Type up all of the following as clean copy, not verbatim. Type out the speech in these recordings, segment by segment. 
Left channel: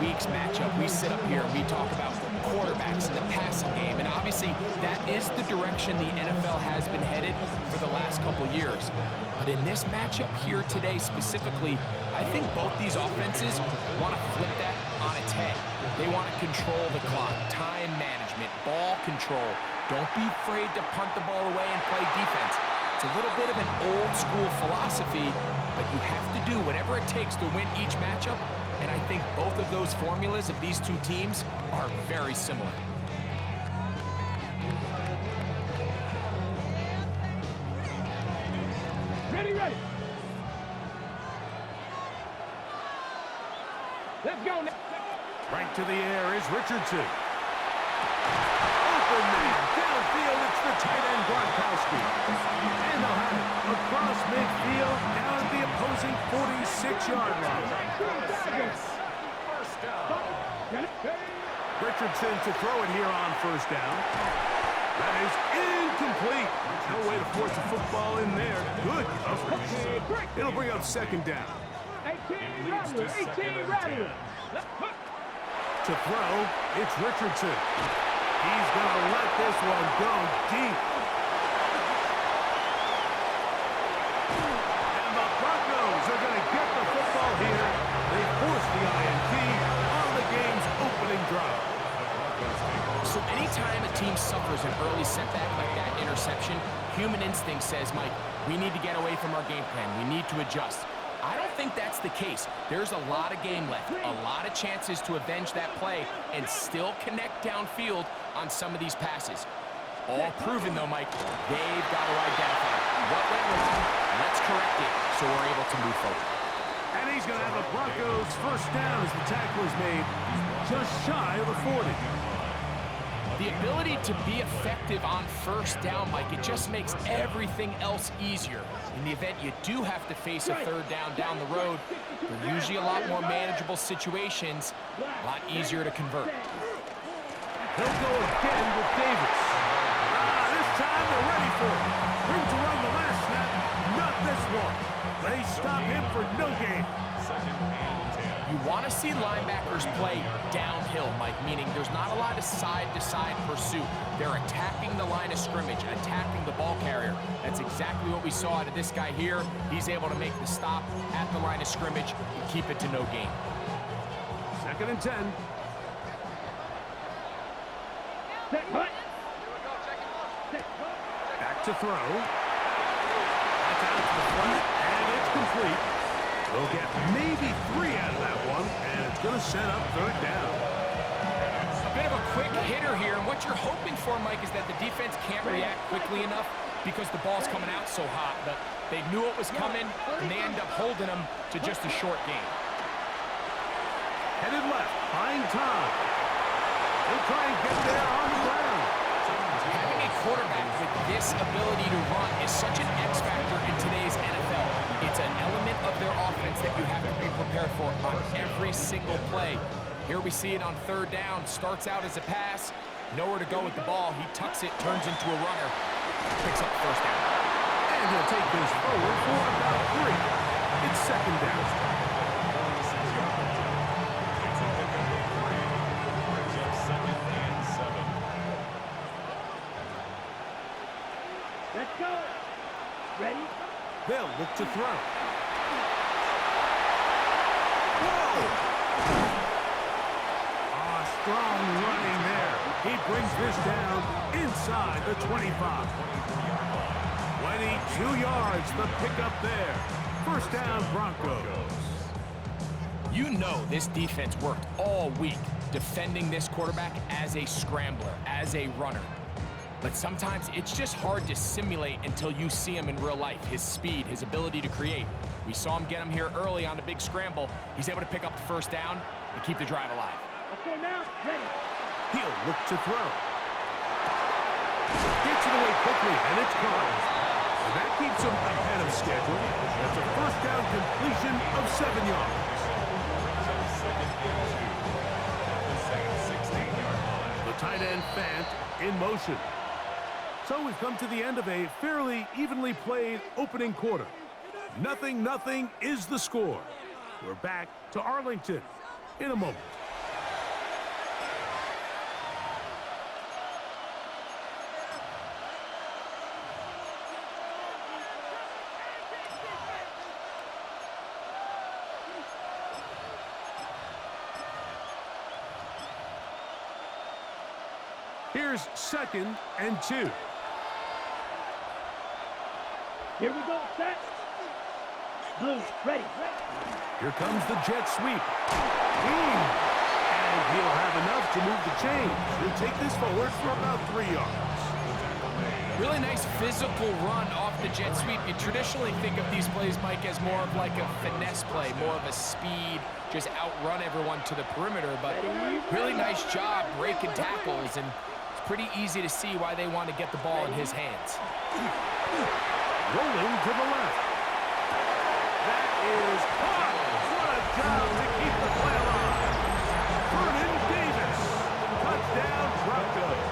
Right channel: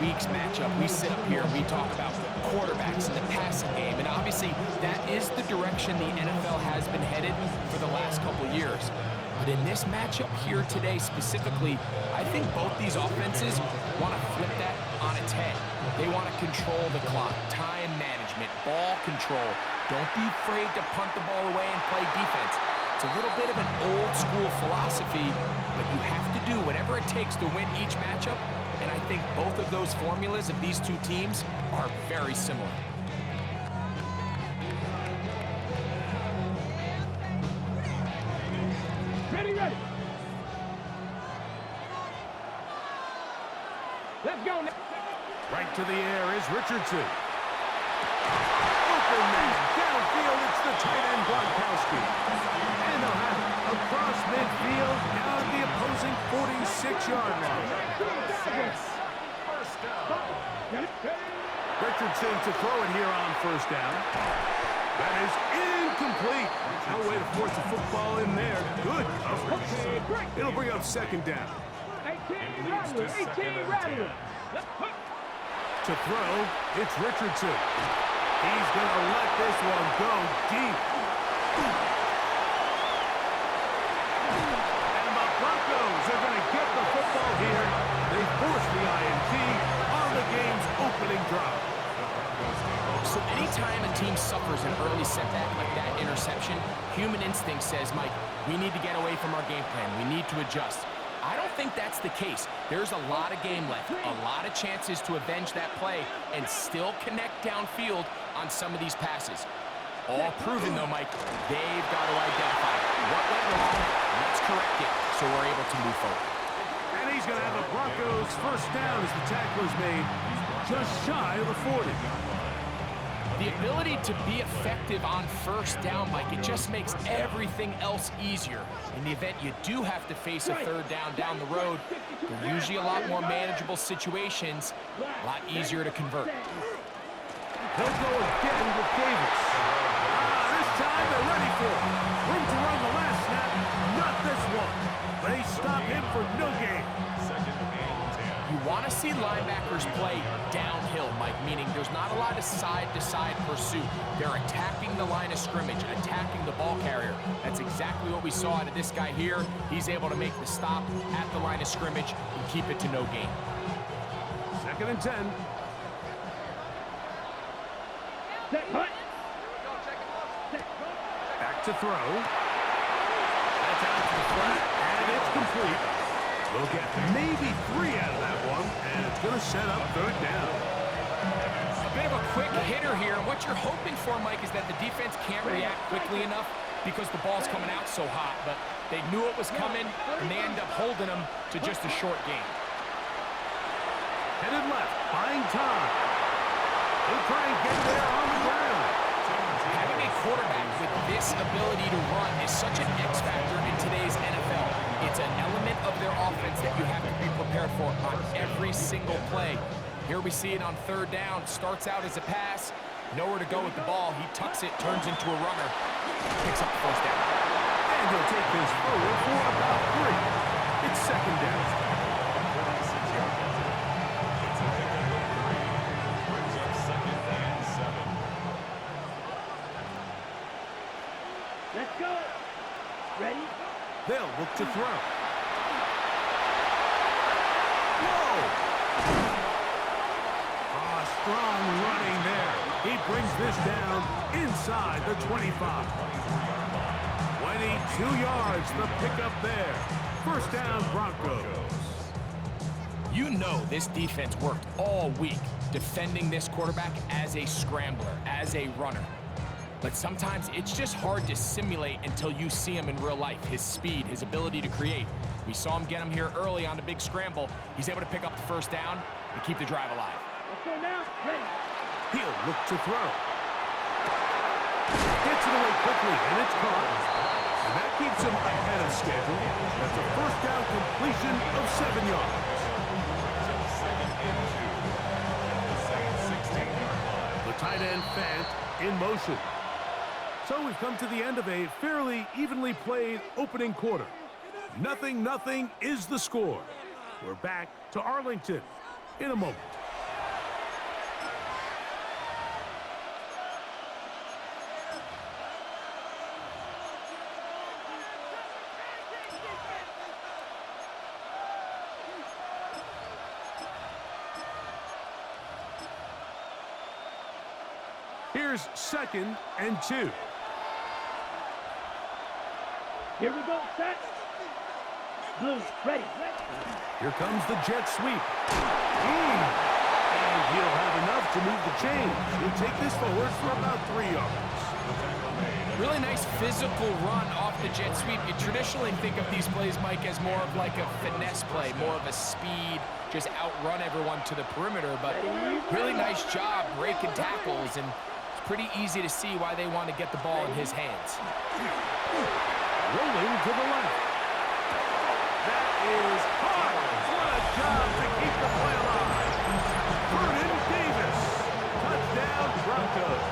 week's matchup, we sit up here and we talk about quarterbacks and the passing game, and obviously that is the direction the NFL has been headed for the last couple years. But in this matchup here today specifically, I think both these offenses want to flip that on its head. They want to control the clock, time management, ball control. Don't be afraid to punt the ball away and play defense. It's a little bit of an old school philosophy, but you have to do whatever it takes to win each matchup, and I think both of those formulas of these two teams are very similar. Ready. Let's go now. Right to the air is Richardson. Open man, downfield, it's the tight end Gronkowski. And they'll have it across midfield, down at the opposing 46-yard line. First down. Richardson to throw it here on first down. That is incomplete. No way to force the football in there. Good coverage. It'll bring up second down. 18 Rattler. To throw, it's Richardson. He's going to let this one go deep. And the Broncos are going to get the football here. They force the INT on the game's opening drive. So anytime a team suffers an early setback like that interception, human instinct says, Mike, we need to get away from our game plan. We need to adjust. I don't think that's the case. There's a lot of game left, a lot of chances to avenge that play and still connect downfield on some of these passes. All proven, though, Mike, they've got to identify what went wrong, let's correct it so we're able to move forward. And he's going to have the Broncos first down as the tackle is made just shy of the 40. The ability to be effective on first down, Mike, it just makes everything else easier. In the event you do have to face a third down the road, they're usually a lot more manageable situations, a lot easier to convert. They'll go again with Davis. This time they're ready for it. Room to run the last snap, not this one. They stop him for no gain. Second and 10. You want to see linebackers play downhill, Mike, meaning there's not a lot of side-to-side pursuit. They're attacking the line of scrimmage, attacking the ball carrier. That's exactly what we saw out of this guy here. He's able to make the stop at the line of scrimmage and keep it to no gain. Second and 10. Back to throw. That's out to the flat, and it's complete. We'll get maybe 3 out of that one, and it's going to set up third down. A bit of a quick hitter here, and what you're hoping for, Mike, is that the defense can't react quickly enough because the ball's coming out so hot, but they knew it was coming, and they end up holding them to just a short gain. Headed left, buying time. He'll try and get there on the ground. Having a quarterback with this ability to run is such an X factor in today's NFL. It's an element of their offense that you have to be prepared for on every single play. Here we see it on third down. Starts out as a pass. Nowhere to go with the ball. He tucks it, turns into a runner. Picks up the first down. And he'll take this forward for about 3. It's second down. 46-yard line. It's a pickup of 3. Brings up second and 7. Let's go. Ready? They'll look to throw. Whoa! Strong running there. He brings this down inside the 25. 22 yards, the pickup there. First down, Broncos. You know this defense worked all week defending this quarterback as a scrambler, as a runner. But sometimes it's just hard to simulate until you see him in real life, his speed, his ability to create. We saw him get him here early on the big scramble. He's able to pick up the first down and keep the drive alive. Let's go now. Ready. He'll look to throw. Gets it away quickly, and it's caught. And that keeps him ahead of schedule. That's a first down completion of 7 yards. Second and 2 at the same 16-yard line. The tight end Fant in motion. So we've come to the end of a fairly evenly played opening quarter. 0-0 is the score. We're back to Arlington in a moment. Here's 2nd and 2. Here we go, set. Blue, ready. Here comes the jet sweep. And he'll have enough to move the chains. He'll take this forward for about 3 yards. Really nice physical run off the jet sweep. You traditionally think of these plays, Mike, as more of like a finesse play, more of a speed, just outrun everyone to the perimeter. But really nice job breaking tackles, and it's pretty easy to see why they want to get the ball in his hands. Rolling to the left. That is hot. What a job to keep the play alive. Vernon Davis. Touchdown, Broncos.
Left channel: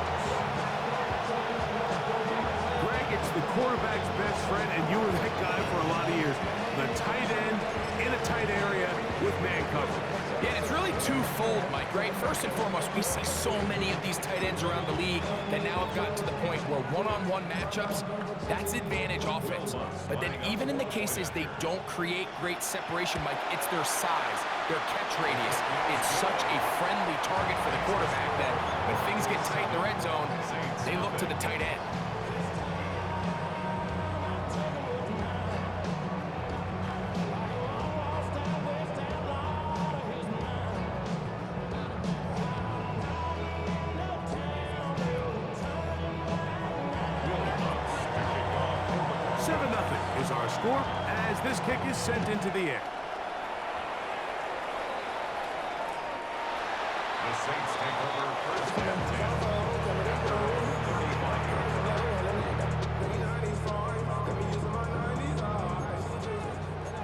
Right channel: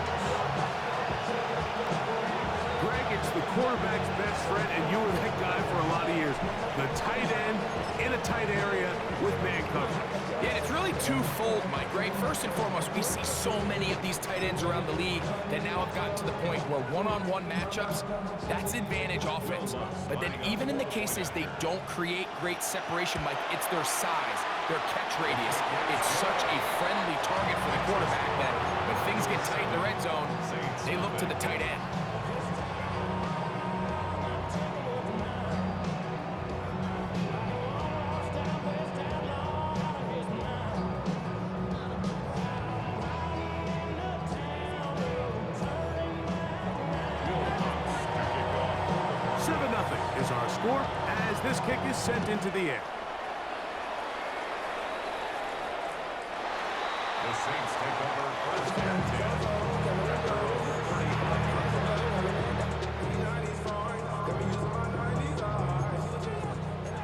Greg, it's the quarterback's best friend, and you were that guy for a lot of years. The tight end in a tight area with man coverage. Yeah, and it's really twofold, Mike, right? First and foremost, we see so many of these tight ends around the league that now have gotten to the point where one-on-one matchups, that's advantage offense. But then even in the cases they don't create great separation, Mike, it's their size, their catch radius. It's such a friendly target for the quarterback that when things get tight in the red zone, they look to the tight end. Is our score as this kick is sent into the air. The Saints take over 1st and 10 at their own 35-yard line.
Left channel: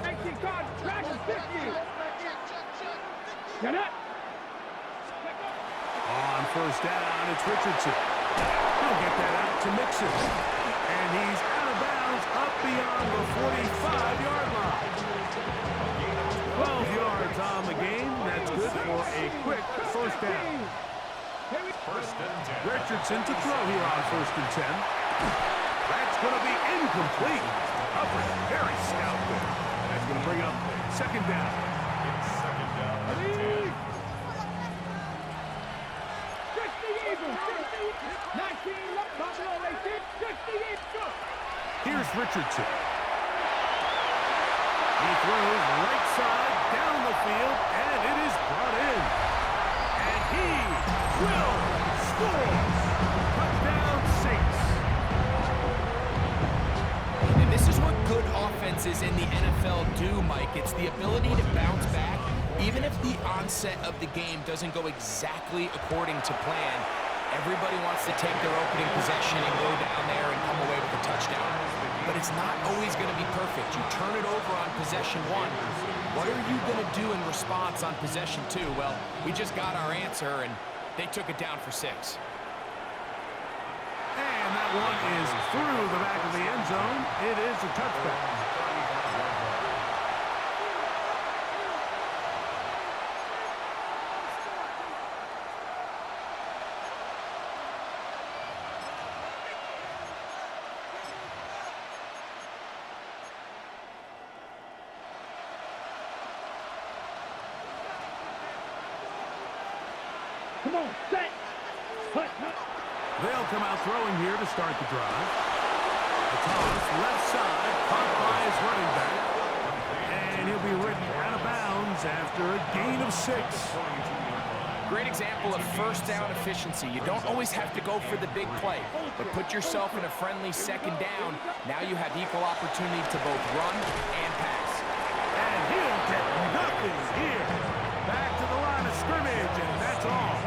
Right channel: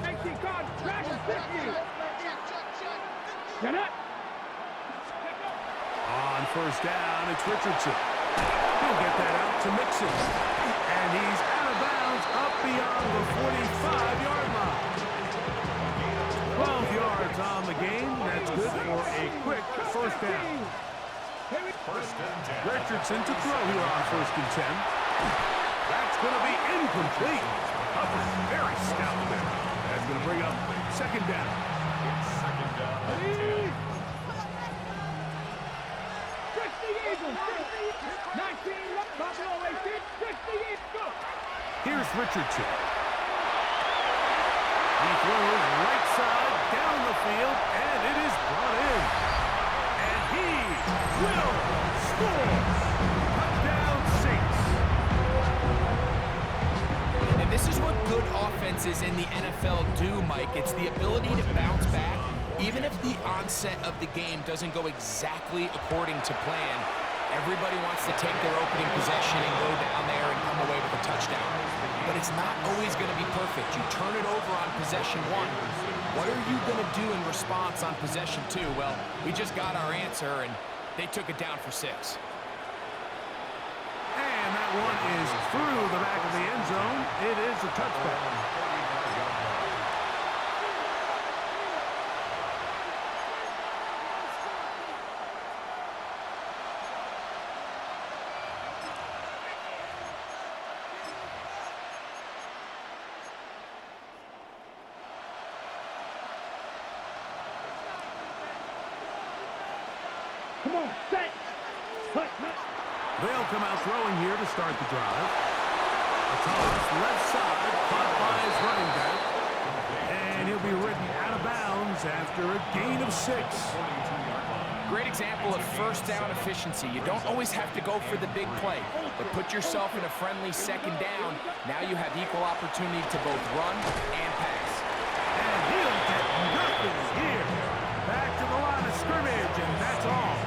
18 card, Dragon 50. Get up. On 1st down, it's Richardson. He'll get that out to Mixon. And he's out of bounds up beyond the 45-yard line. 12 yards on the game. That's good for a quick 1st down. 1st and 10. Richardson to throw here on 1st and 10. That's going to be incomplete. Coverage very stout there. That's going to bring up 2nd down. It's 2nd down and 10. 19, Buffalo 18, 60, go. Here's Richardson. He throws right side down the field, and it is brought in. And he will score. Touchdown, Saints. And this is what good offenses in the NFL do, Mike. It's the ability to bounce back, even if the onset of the game doesn't go exactly according to plan. Everybody wants to take their opening possession and go down there and come away with a touchdown. But it's not always going to be perfect. You turn it over on possession 1. What are you going to do in response on possession 2? Well, we just got our answer, and they took it down for 6. And that one is through the back of the end zone. It is a touchback. Come on, set. Hut. They'll come out throwing here to start the drive. A toss left side, caught by his running back. And he'll be ridden out of bounds after a gain of 6. Great example of 1st down efficiency. You don't always have to go for the big play, but put yourself in a friendly 2nd down. Now you have equal opportunity to both run and pass. And he'll get nothing here. Back to the line of scrimmage, and that's all.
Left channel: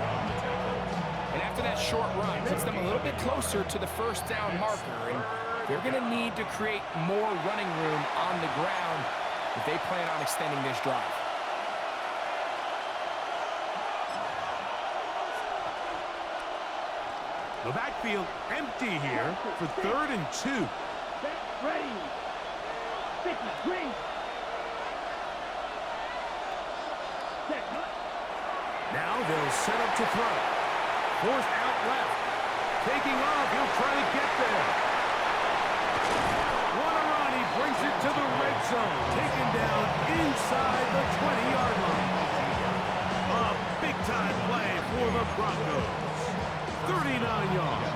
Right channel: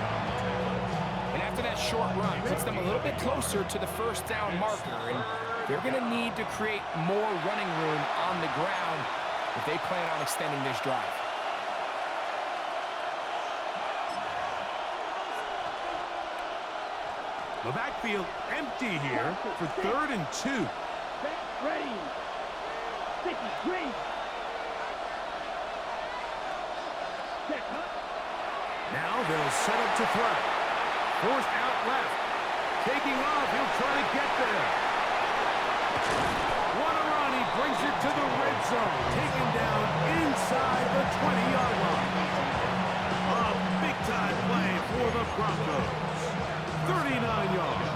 And after that short run, puts them a little bit closer to the 1st down marker, and they're going to need to create more running room on the ground if they plan on extending this drive. The backfield empty here for 3rd and 2. Set, ready. Sticky, green. Set, hut. Now they'll set up to throw. Forced out left. Taking off, he'll try to get there. What a run, he brings it to the red zone. Taken down inside the 20-yard line. A big-time play for the Broncos. 39 yards.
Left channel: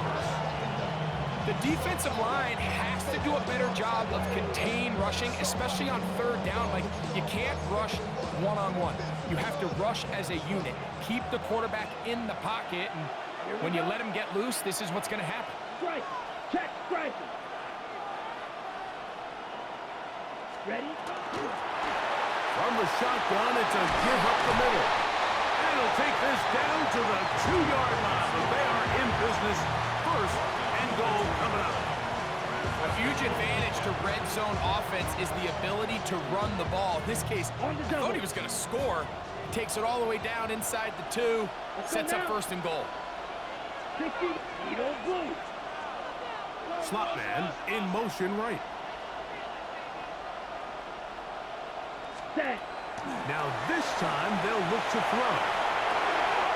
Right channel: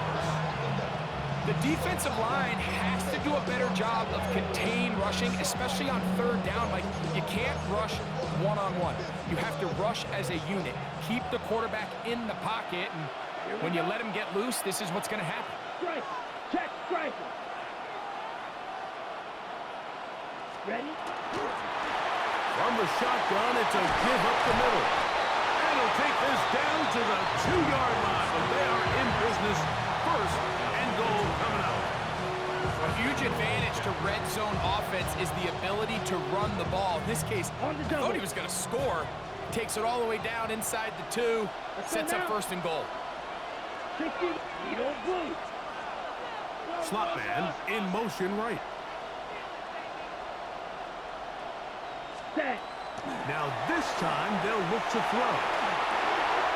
The defensive line has to do a better job of contain rushing, especially on third down. Like, you can't rush one-on-one. You have to rush as a unit. Keep the quarterback in the pocket, and when you let him get loose, this is what's going to happen. Strike. Check striking. Ready? From the shotgun, it's a give up the middle. And he'll take this down to the 2-yard line, but they are in business. First and goal coming up. A huge advantage to red zone offense is the ability to run the ball. In this case, I thought he was going to score. Takes it all the way down inside the 2. Sets up first and goal. 60, Edo Blue. Slot man in motion right. Set. Now this time they'll look to throw.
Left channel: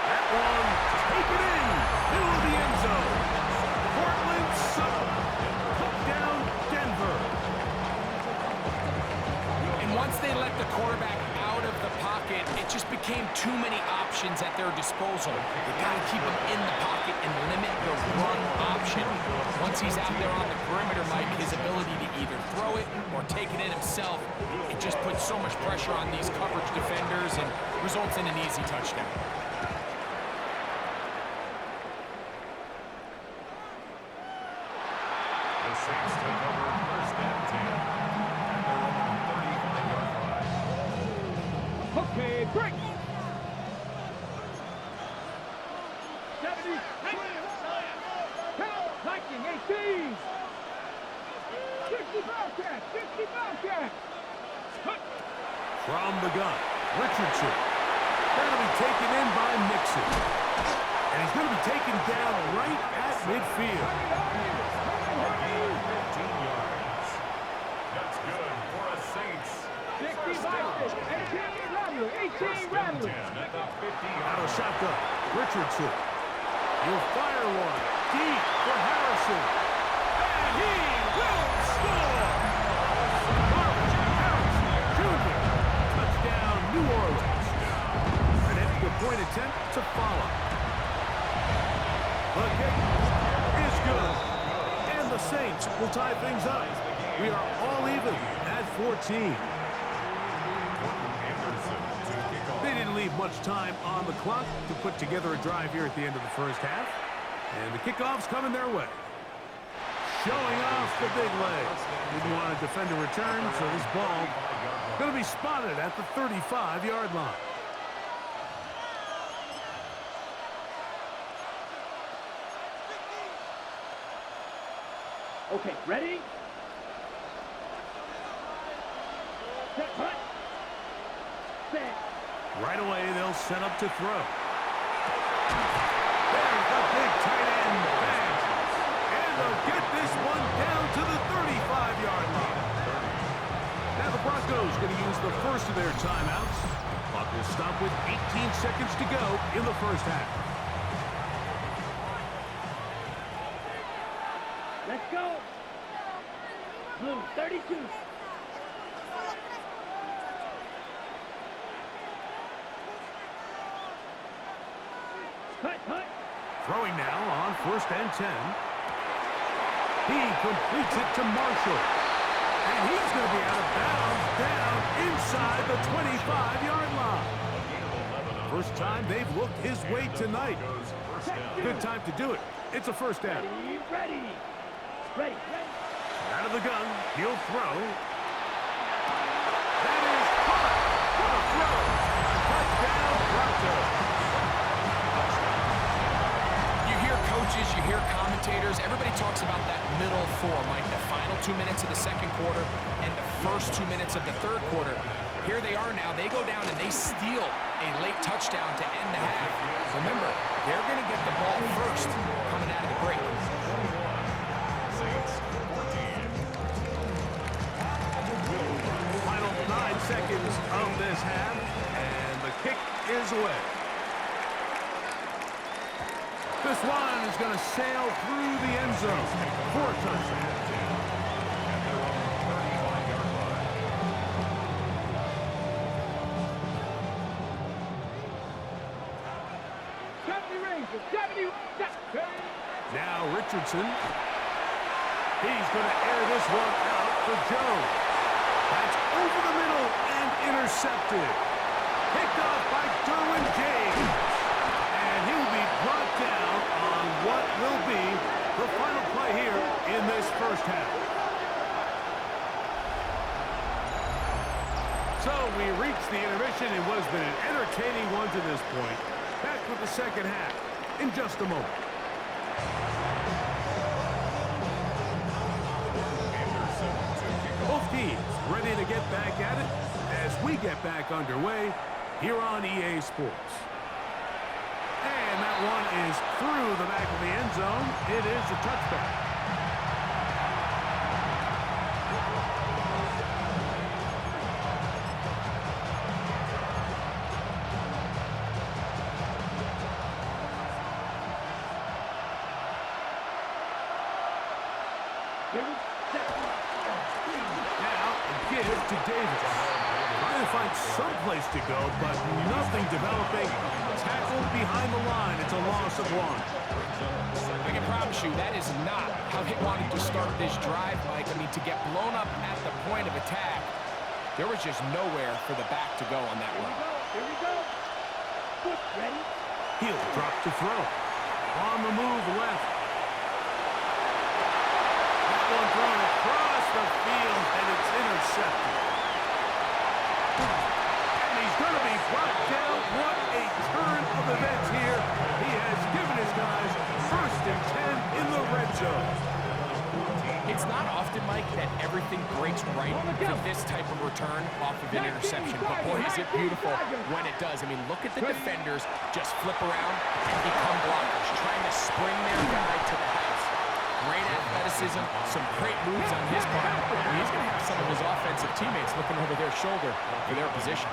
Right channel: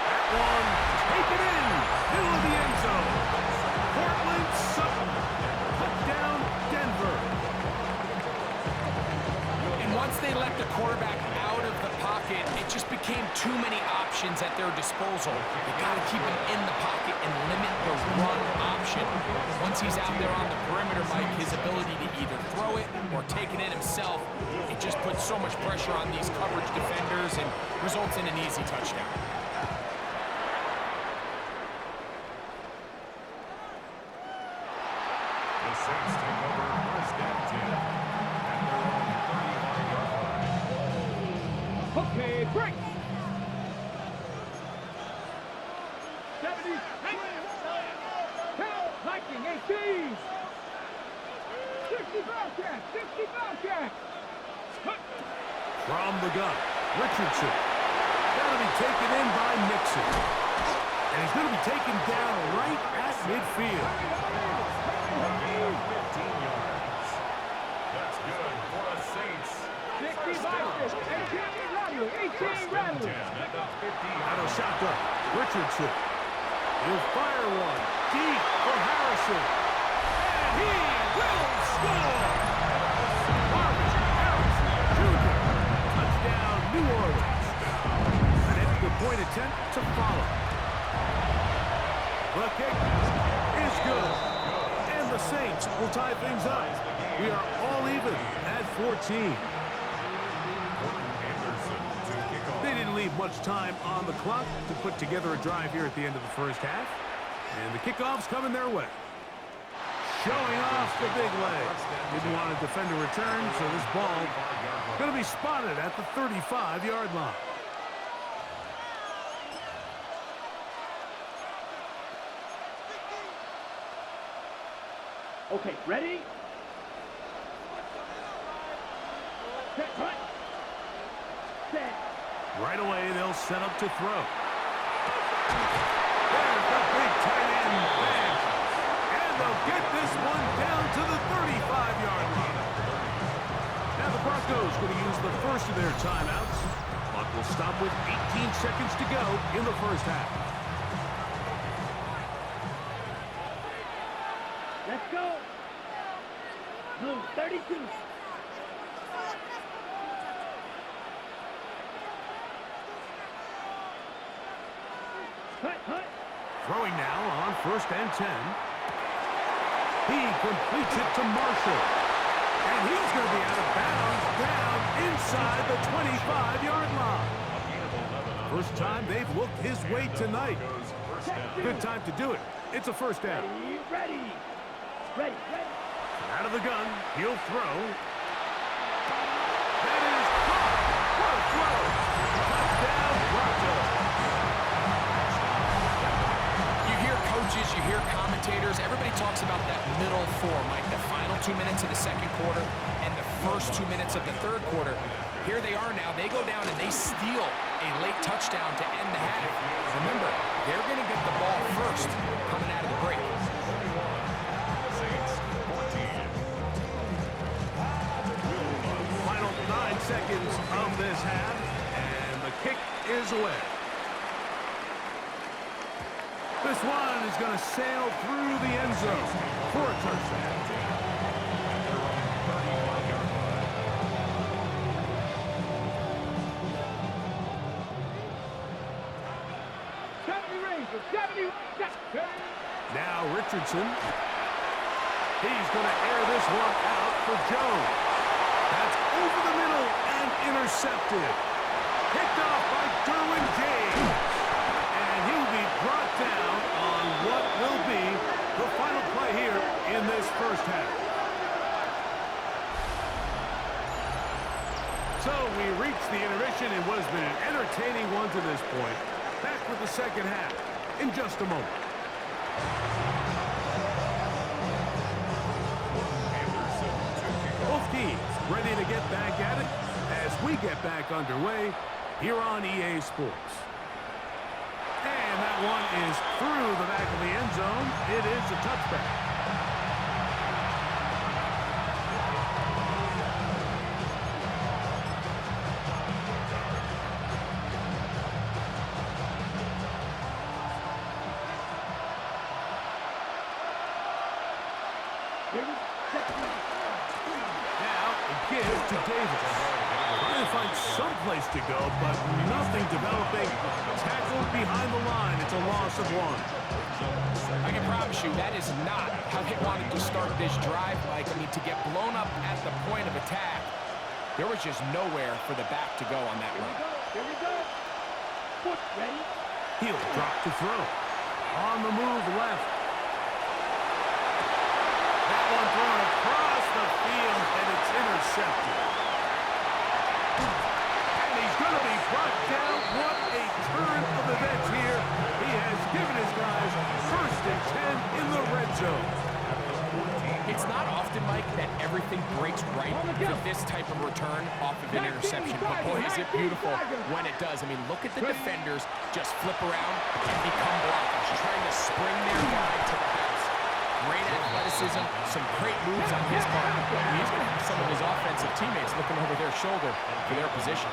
That one, take it in, middle of the end zone. Portland Sutton, touchdown Denver. And once they let the quarterback out of the pocket, it just became too many options at their disposal. You got to keep him in the pocket and limit the run option. Once he's out there on the perimeter, Mike, his ability to either throw it or take it in himself, it just puts so much pressure on these coverage defenders and results in an easy touchdown. The Saints take over first and 10 at their own 35-yard line. Okay, break. 70. Count. Hiking 18. 60 Bobcat. 60 Bobcat. From the gun, Richardson. That'll be taken in by Nixon. And he's going to be taken down right at midfield. A gain of 15 yards. That's good for a Saints. 60 First down. Bobcat. 18 Rattler. 18 First and Rattler. 10 at the 50-yard Out of line. shotgun, Richardson. He'll fire one deep for Harrison. And he will score! Marvin Harrison Jr. Touchdown, New Orleans. An extra point attempt to follow. The kick is good. And the Saints will tie things up. We are all even at 14. Anderson to kick off. They didn't leave much time on the clock to put together a drive here at the end of the first half. And the kickoff's coming their way. Showing off the big leg. Didn't want to defend a return, so this ball going to be spotted at the 35-yard line. Okay, ready? Set, hut. Set. Right away, they'll set up to throw. There's the big tight end bang. And they'll get this one down to the 35-yard line. Now the Broncos going to use the first of their timeouts. Clock will stop with 18 seconds to go in the first half. Let's go. Blue, 32. Hut, hut. Throwing now on first and 10. He completes it to Marshall. And he's going to be out of bounds down inside the 25-yard line. A gain of 11 on First time they've looked his way tonight. Broncos first down. Good time to do it. It's a first down. Ready, ready. Ready, ready. Out of the gun, he'll throw. That is caught. What a throw. Touchdown, Broncos. You hear coaches, you hear commentators, everybody talks about that middle four, Mike, the final 2 minutes of the second quarter and the first 2 minutes of the third quarter. Here they are now. They go down and they steal a late touchdown to end the half. Remember, they're going to get the ball first coming out of the break. 21. Saints 14. Final 9 seconds of this half, and the kick is away. This one is going to sail through the end zone for a touchdown. At their own 35-yard line. 70 Rangers, 70. Now Richardson. He's going to air this one out for Jones. That's over the middle and intercepted. Picked off by Derwin James. And he will be brought down on what will be the final play here in this first half. So we reach the intermission in what has been an entertaining one to this point. Back with the second half in just a moment. Both teams ready to get back at it as we get back underway here on EA Sports. And that one is through the back of the end zone. It is a touchback. Now, a give to Davis. Trying to find some place to go, but nothing developing. Tackled behind the line. It's a loss of one. I can promise you that is not how they wanted to start this drive, Mike. I mean, to get blown up at the point of attack, there was just nowhere for the back to go on that run. Here we go. Foot ready. He'll drop to throw. On the move left. That one thrown across the field, and it's intercepted. And he's going to be brought down. What a turn of events here. He has given his guys 1st and 10 in the red zone. It's not often, Mike, that everything breaks right for this type of return off of an interception. But boy, is it beautiful when it does. I mean, look at the defenders just flip around and become blockers, trying to spring their guy to the house. Great athleticism, some great moves on his part. He's going to have some of his offensive teammates looking over their shoulder for their position.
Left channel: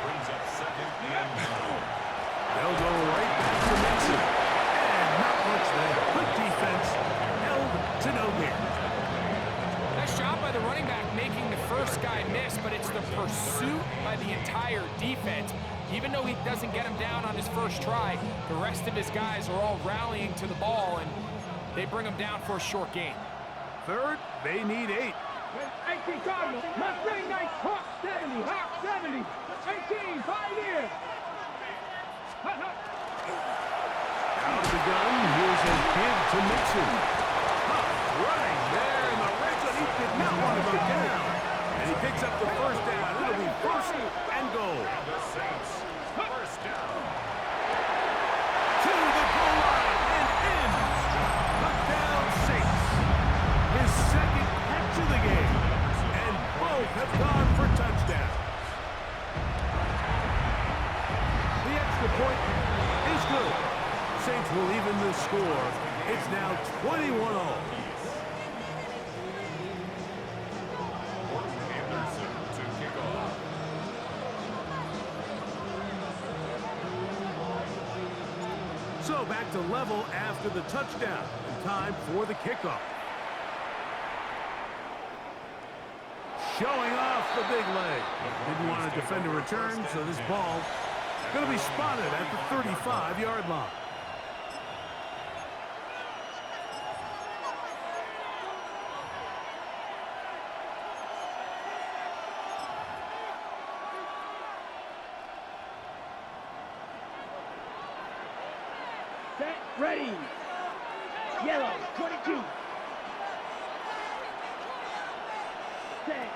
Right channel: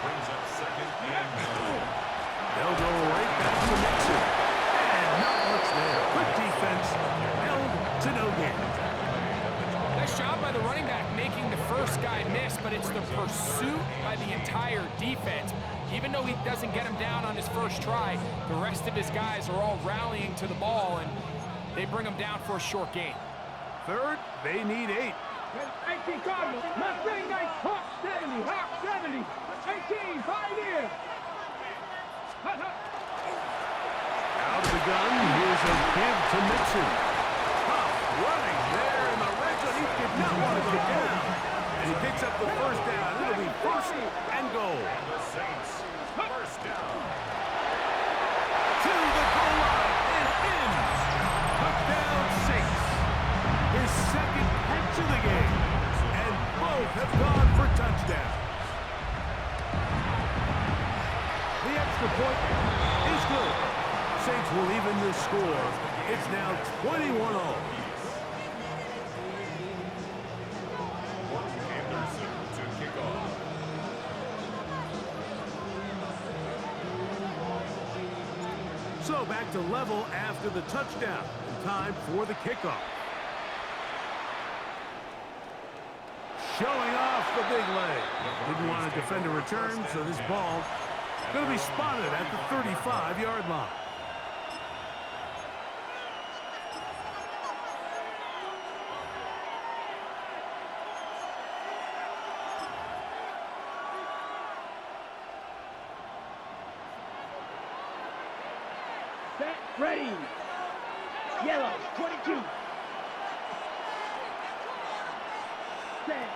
Brings up 2nd and 9. They'll go right back to Nixon. And not much there. Good defense. Held to no gain. Nice job by the running back making the first guy miss, but it's the pursuit by the entire defense. Even though he doesn't get him down on his first try, the rest of his guys are all rallying to the ball, and they bring him down for a short gain. 3rd, they need 8. 18 Cardinal. Mustang Knights. Hawk 70. Hawk 70. 18. Pioneer. Out of the gun, here's a give to Nixon. Tough running there in the red zone. He did not want to go down. And he picks up the first down. It'll be 1st and goal. And the Saints, 1st down. To the goal line and in. Touchdown Saints. His 2nd catch of the game. And both have gone for touchdown. The extra point is good. Saints will even the score. It's now 21-all. Anderson to kick off. So back to level after the touchdown. And time for the kickoff. Showing off the big leg. Didn't want to defend a return, so this ball going to be spotted at the 35-yard line. Set. Ready. Yellow. 22. Set.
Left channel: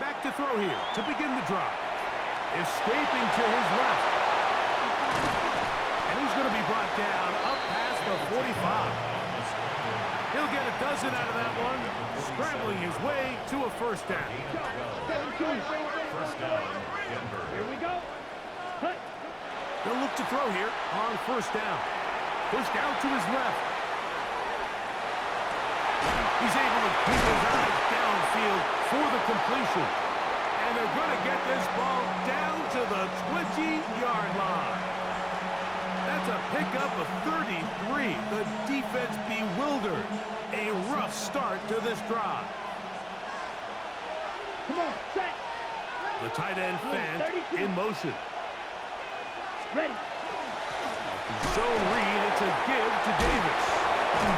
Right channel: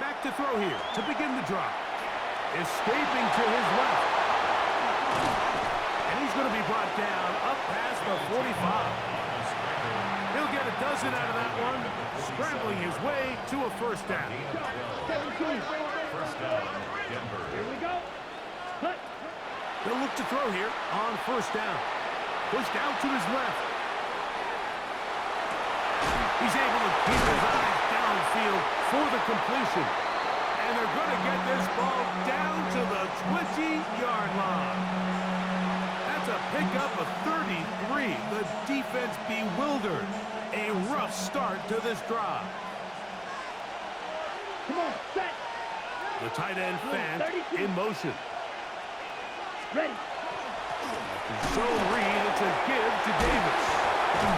Back to throw here to begin the drive. Escaping to his left. And he's going to be brought down up past the 45. He'll get a dozen out of that one, scrambling his way to a 1st down. 17. 1st down, Denver. Here we go. Hut. They'll look to throw here on 1st down. Pushed out to his left. He's able to keep his eyes downfield for the completion. And they're going to get this ball down to the 20-yard line. That's a pickup of 33. The defense bewildered. A rough start to this drive. Come on. Set. The tight end fan in motion. Ready. Zone read, it's a give to Davis.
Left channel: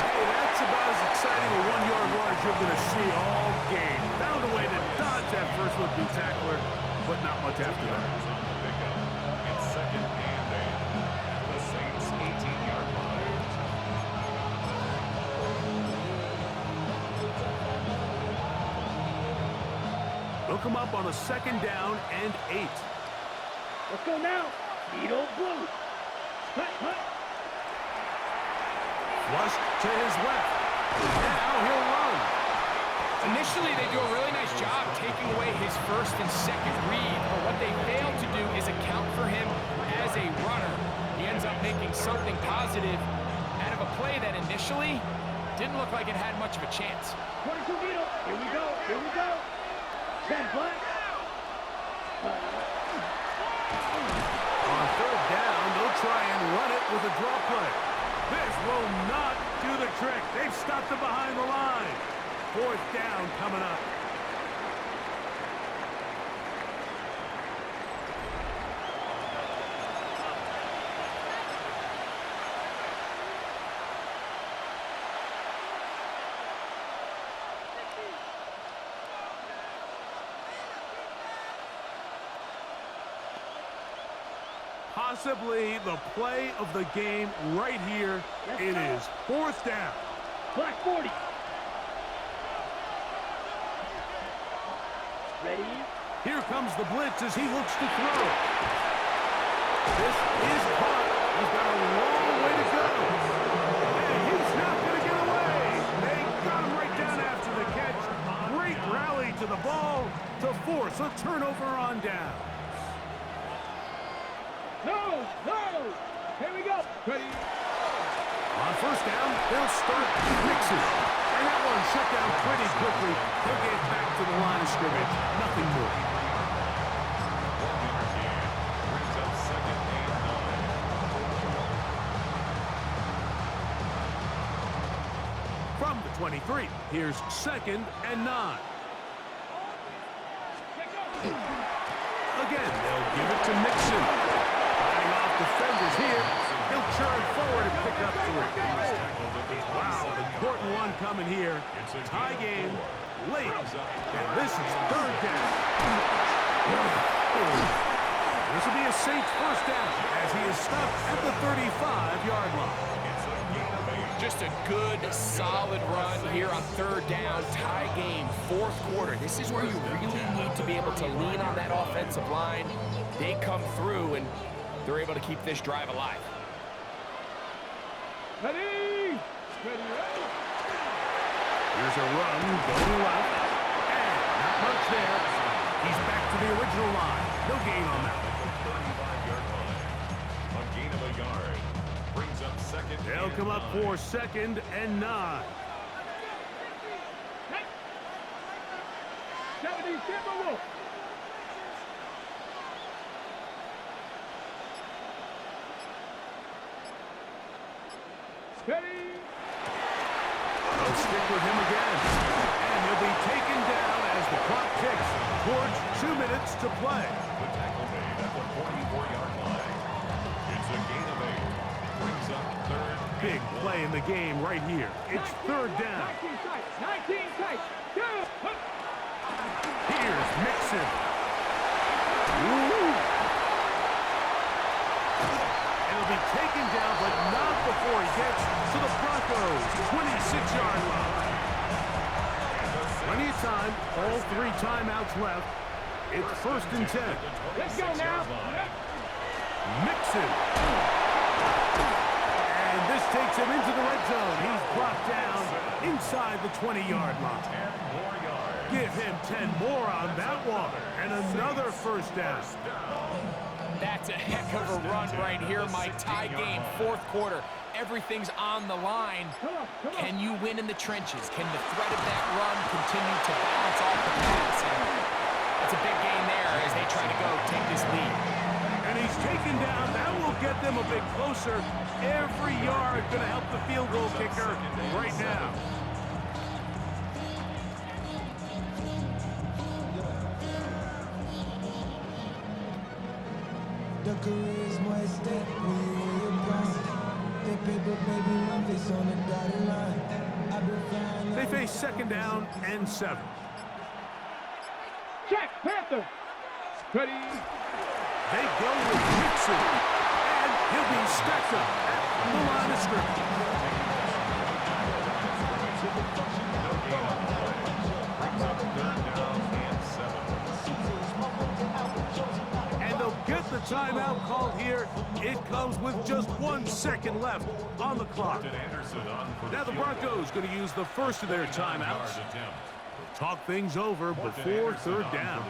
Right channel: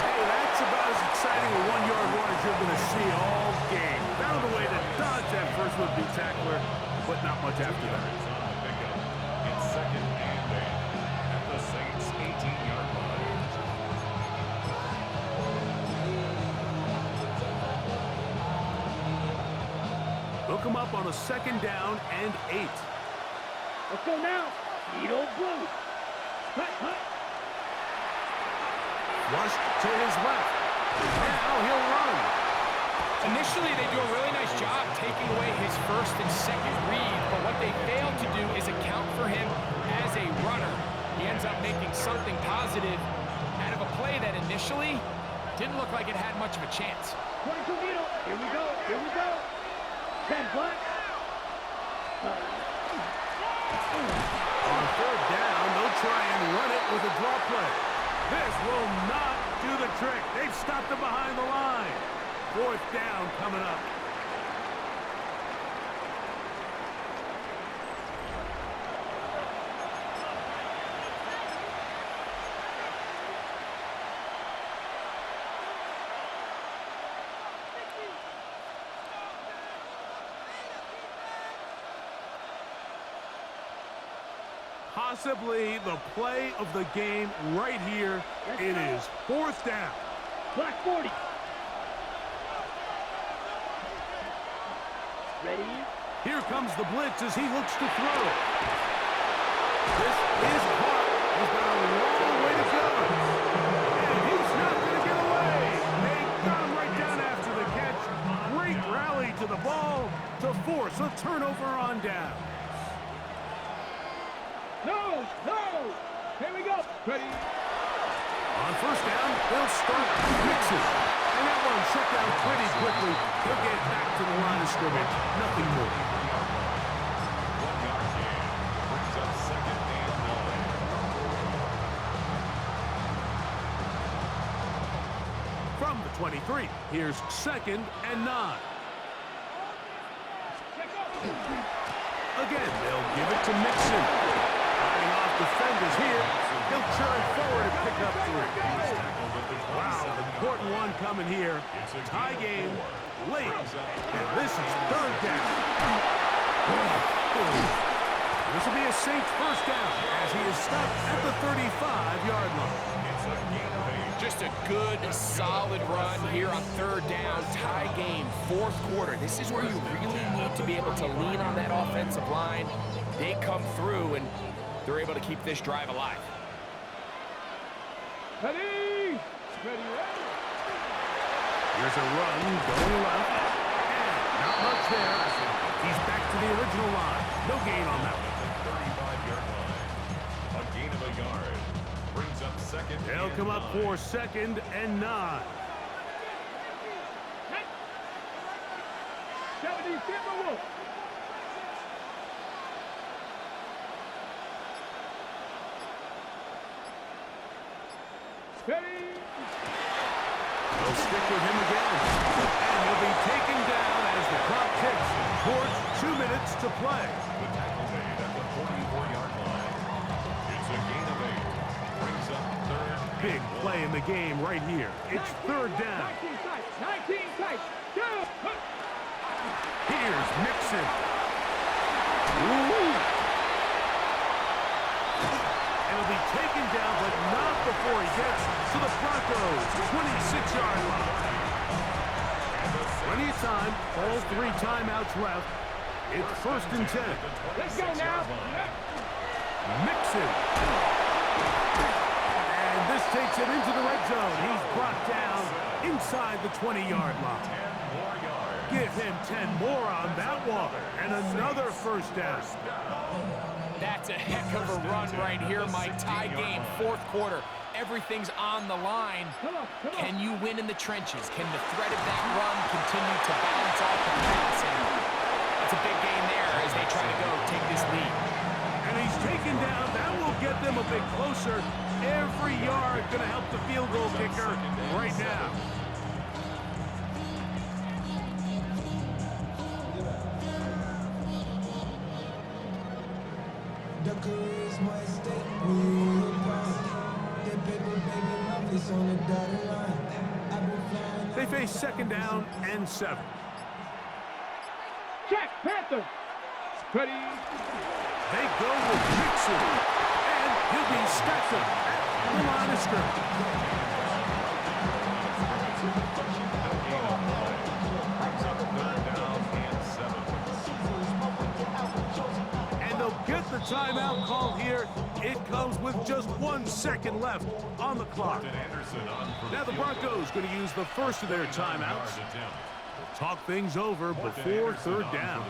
Hey, that's about as exciting a one-yard run as you're going to see all game. Found a way to dodge that first would-be tackler, but not much after that. On the pickup. It's 2nd and 8 at the Saints' 18-yard line. They'll come up on a 2nd down and 8. Let's go now. Needle blue. Hut, hut. Flushed to his left. Now he'll run. Initially, they do a really nice job taking away his first and second read, but what they fail to do is account for him as a runner. He ends up making something positive out of a play that initially didn't look like it had much of a chance. 22 needle. Here we go. Here we go. 10 black. On 3rd down, they'll try and run it with a draw play. This will not do the trick. They've stopped him behind the line. 4th down coming up. Possibly the play of the game right here. It is 4th down. Black 40. Ready? Here comes the blitz as he looks to throw. This is caught. He's got a long way to go. And he's not going to get away. They got him right down after the catch. Great rally to the ball to force a turnover on down. No, no. Here we go. Ready? On 1st down, they'll start mixing. And that one shut down pretty quickly. He'll get back to the line of scrimmage. Nothing more. 1-yard gain brings up 2nd and 9. From the 23, here's 2nd and 9. Again, they'll give it to Mixon. Fighting off defenders here. He'll churn forward and pick up 3. Wow, an important one coming here. Tie game, late, and this is 3rd down. This will be a Saints 1st down as he is stopped at the 35-yard line. It's a gain of 8. Just a good, solid run here on 3rd down, tie game, 4th quarter. This is where you really need to be able to lean on that offensive line. They come through, and they're able to keep this drive alive. Ready? Ready, ready. Here's a run going left, and not much there. He's back to the original line. No gain on that one. At the 35-yard line. A gain of a yard brings up 2nd and 9. They'll come up for 2nd and 9. 70 Timberwolves. Ready? They'll stick with him again. And he'll be taken down as the clock ticks towards 2 minutes to play. The tackle made at the 44-yard line. It's a gain of 8. Brings up 3rd. Big play in the game right here. It's 3rd down. 19 tight. 19 tight. Go. Here's Mixon. Ooh. And he'll be taken down, but not before he gets to the Broncos' 26-yard line. Plenty of time. All 3 timeouts left. It's 1st and 10. Let's go now. Mixon. And this takes him into the red zone. He's brought down inside the 20-yard line. 10 more yards. Give him 10 more on that one. And another 1st down. That's a heck of a run right here, Mike. Tie game, 4th quarter. Everything's on the line. Come on. Can you win in the trenches? Can the threat of that run continue to balance off the pass? And that's a big gain there as they try to go take this lead. And he's taken down. That will get them a bit closer. Every yard going to help the field goal kicker right now. The charisma at stake when you in your prime. They face second down and 7. Check, Panther. Ready. They go with Mixon, and he'll be stacked up at the line of scrimmage. No gain on the play. Brings up 3rd down and 7. And they'll get the timeout called here. It comes with just 1 second left on the clock. Now the Broncos going to use the first of their timeouts. We'll talk things over before 3rd down.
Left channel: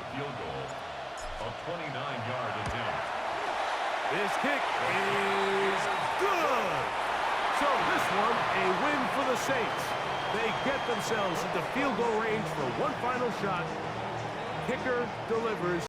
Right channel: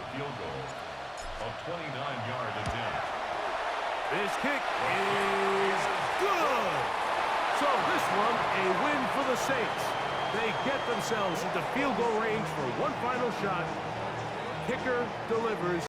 A 29-yard attempt. This kick is good. So this one, a win for the Saints. They get themselves into field goal range for one final shot. Kicker delivers.